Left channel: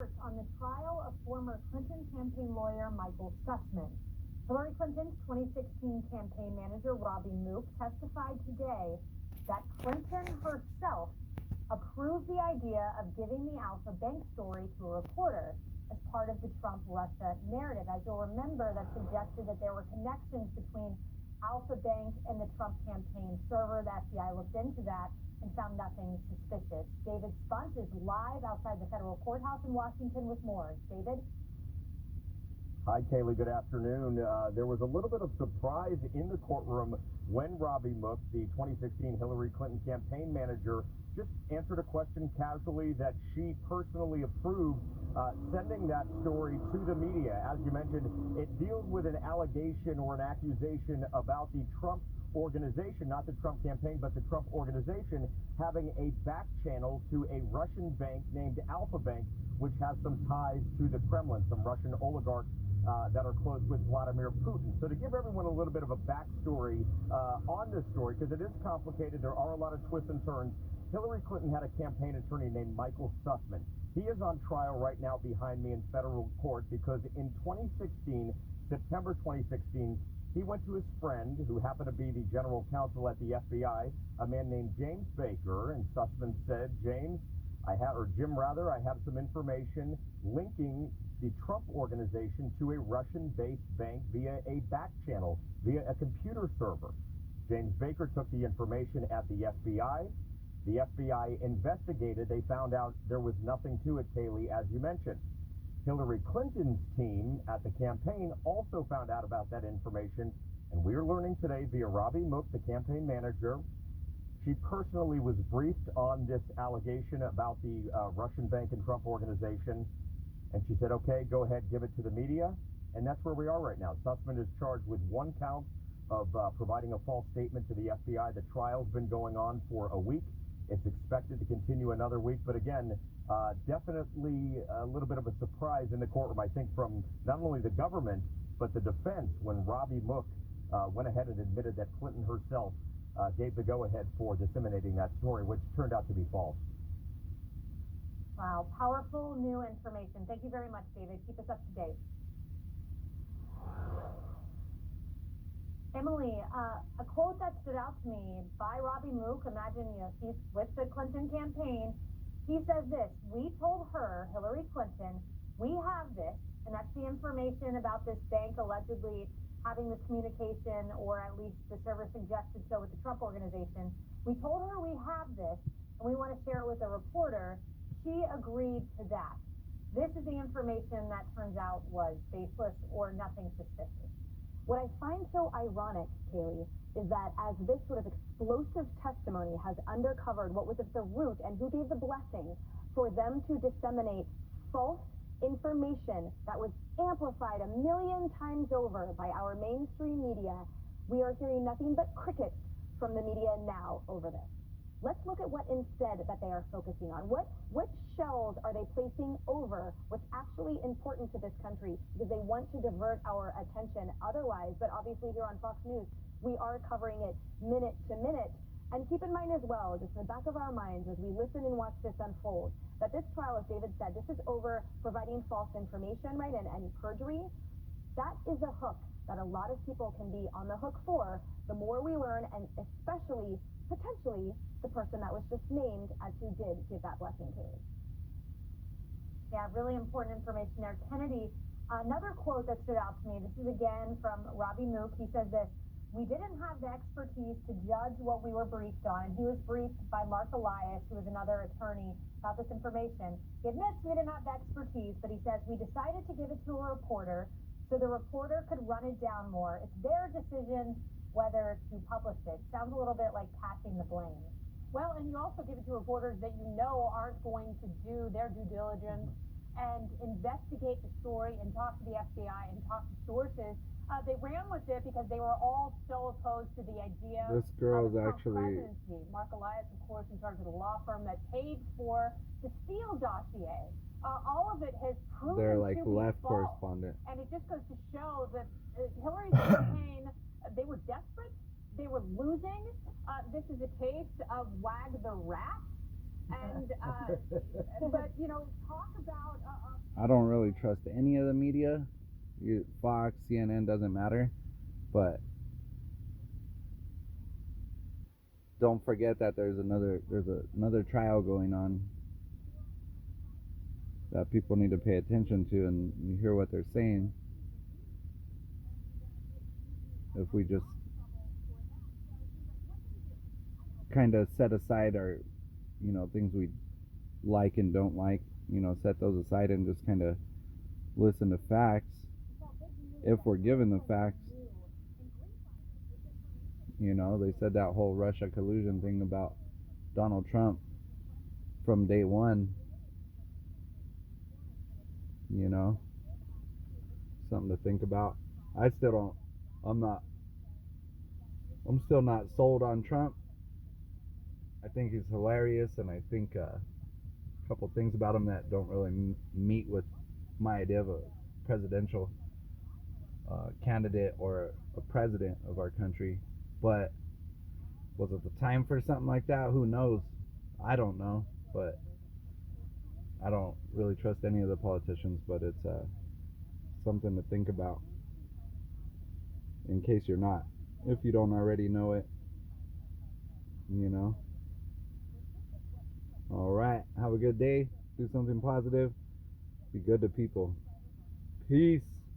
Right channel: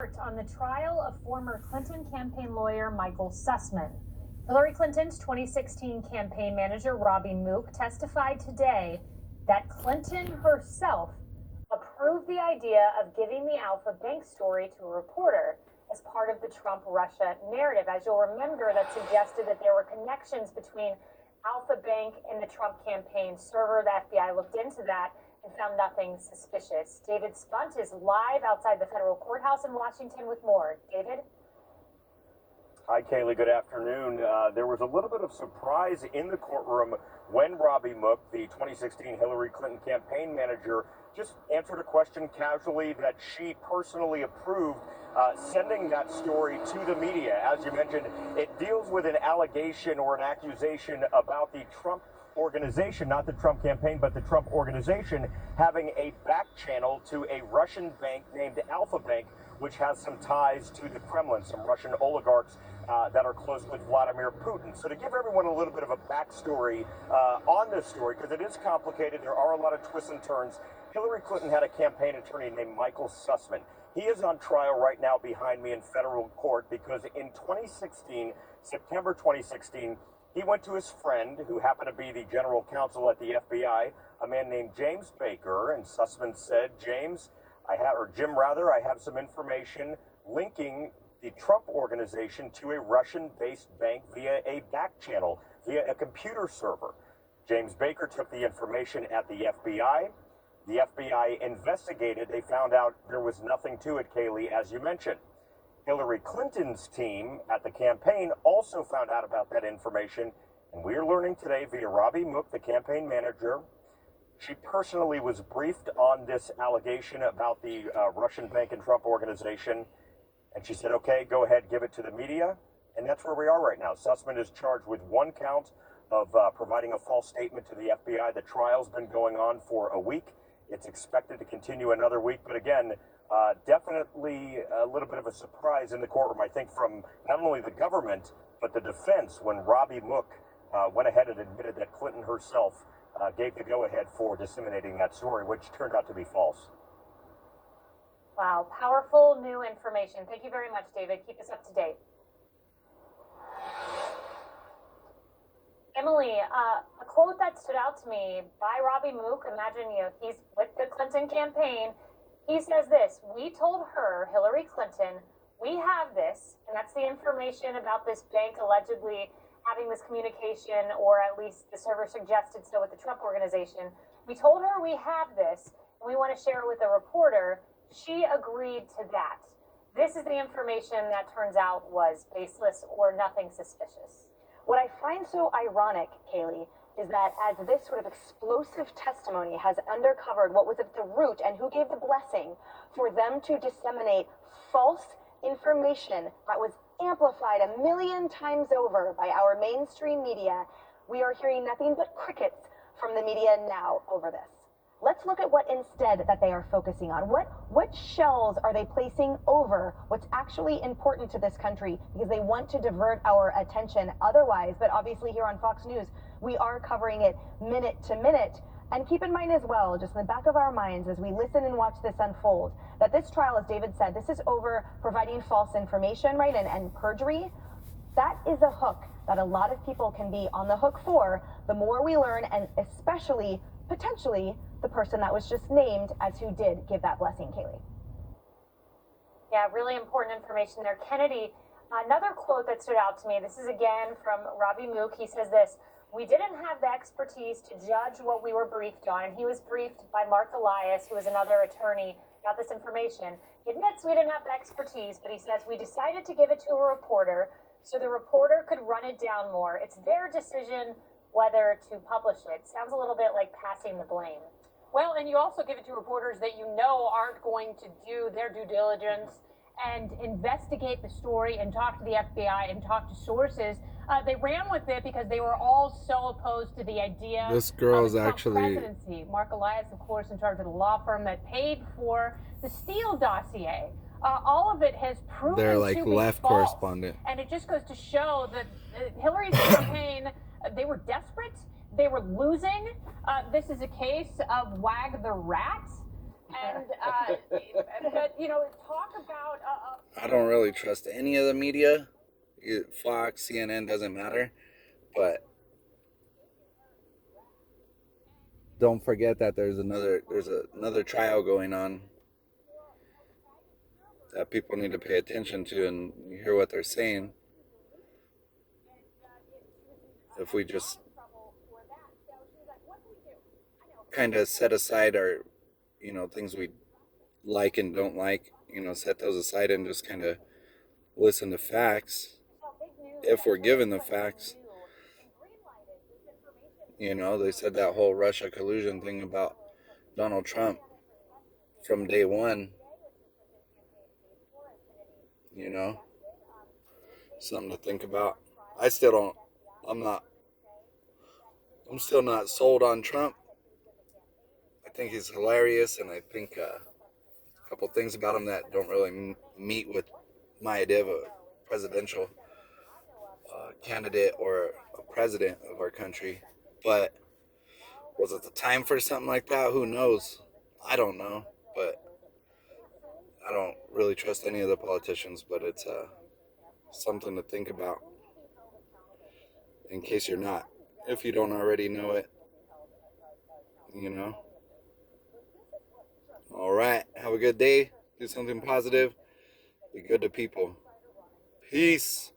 On the trial of former Clinton campaign lawyer Michael Sussmann. Hillary Clinton's 2016 campaign manager Robbie Mook testified today that Clinton herself approved the idea of giving the Alfa Bank story to a reporter as part of the Trump-Russia narrative. As you'll remember, that suggested that there were connections between Alfa Bank and the Trump campaign server. The FBI looked into that and found nothing suspicious. David Spunt is live outside the federal courthouse in Washington with more. David? Hi, Kaylee. Good afternoon. There was a little bit of surprise in the courtroom when Robbie Mook, the 2016 Hillary Clinton campaign manager, just answered a question casually that she personally approved sending that story to the media. As you mentioned, it deals with an allegation or an accusation about the Trump organization, not the Trump campaign, but the Trump organization having a back channel to a Russian bank named Alfa Bank, which has some ties to the Kremlin, some Russian oligarchs that are close with Vladimir Putin. So to give everyone a little bit of a backstory on this story, because it is complicated, there are a lot of twists and turns. Hillary Clinton had a campaign attorney named Michael Sussmann. He is on trial right now behind me in federal court because in 2016, September 2016, he went to his friend, who happened to be the general counsel at the FBI, a man named James Baker, and Sussmann said, Jim, I have some information linking the Trump organization to a Russian-based bank via a back channel, via a computer server. James Baker took the information at the FBI. The FBI investigated. They found out there was nothing to it, Kaylee, as you mentioned. Hillary Clinton's team at the campaign also found out about that information, and we are learning today via Robbie Mook, the campaign manager. She personally was briefed on this allegation about the Russian bank and Trump organization, and she said, okay, go ahead, give it to the media, and that's where we are right now. Sussmann is charged with one count of providing a false statement to the FBI. The trial's been going on for a week. It's expected to continue another week, but again, definitely a little bit of a surprise in the courtroom, I think, from not only the government, but the defense when Robbie Mook went ahead and admitted that Clinton herself gave the go-ahead for disseminating that story, which turned out to be false. Wow, powerful new information. Thank you very much, David. Keep us up to date. Emily, a quote that stood out to me by Robbie Mook, imagine he's with the Clinton campaign. He says this: we told her, Hillary Clinton, we have this, and that's the information about this bank allegedly having this communication, or at least the server suggested so with the Trump organization. We told her we have this, and we want to share it with a reporter. She agreed to that. This is the information that turns out was baseless or nothing suspicious. What I find so ironic, Kaylee, is that as this sort of explosive testimony has uncovered what was at the root and who gave the blessing for them to disseminate false information that was amplified 1 million times over by our mainstream media, we are hearing nothing but crickets from the media now over this. Let's look at what instead that they are focusing on. What shells are they placing over what's actually important to this country, because they want to divert our attention otherwise. But obviously here on Fox News, we are covering it minute to minute. And keep in mind as well, just in the back of our minds as we listen and watch this unfold, that this trial, as David said, this is over providing false information, right, and perjury. That is a hook that a lot of people can be on the hook for the more we learn, and especially, potentially, the person that was just named as who did give that blessing, Kaylee. Yeah, really important information there. Kennedy, another quote that stood out to me, this is again from Robbie Mook. He says this: we didn't have the expertise to judge what we were briefed on, and he was briefed by Mark Elias, who is another attorney, about this information. He admits we didn't have the expertise, but he says we decided to give it to a reporter so the reporter could run it down more. It's their decision whether to publish it. Sounds a little bit like passing the blame. Well, and you also give it to reporters that you know aren't going to do their due diligence and investigate the story and talk to the FBI and talk to sources. They ran with it because they were all so opposed to the idea this girl of is actually presidency. Mark Elias, of course, in charge of the law firm that paid for the Steele dossier. All of it has proven they're like to be left false. correspondent. And it just goes to show that Hillary's campaign, they were desperate. They were losing. This is a case of wag the rat. And but talk about. I don't really trust any of the media. Fox, CNN, doesn't matter. But don't forget that there's another trial going on that people need to pay attention to and hear what they're saying. If we just kind of set aside our, things we like and don't like, set those aside and just kind of listen to facts. If we're given the facts, they said that whole Russia collusion thing about Donald Trump from day one, something to think about. I'm still not sold on Trump. I think he's hilarious, and I think a couple things about him that don't really meet with my idea of a presidential candidate or a president of our country. But was it the time for something like that? Who knows? I don't know, but I don't really trust any of the politicians, but it's something to think about in case you're not, if you don't already know it, All right, have a good day. Do something positive. Be good to people. Peace.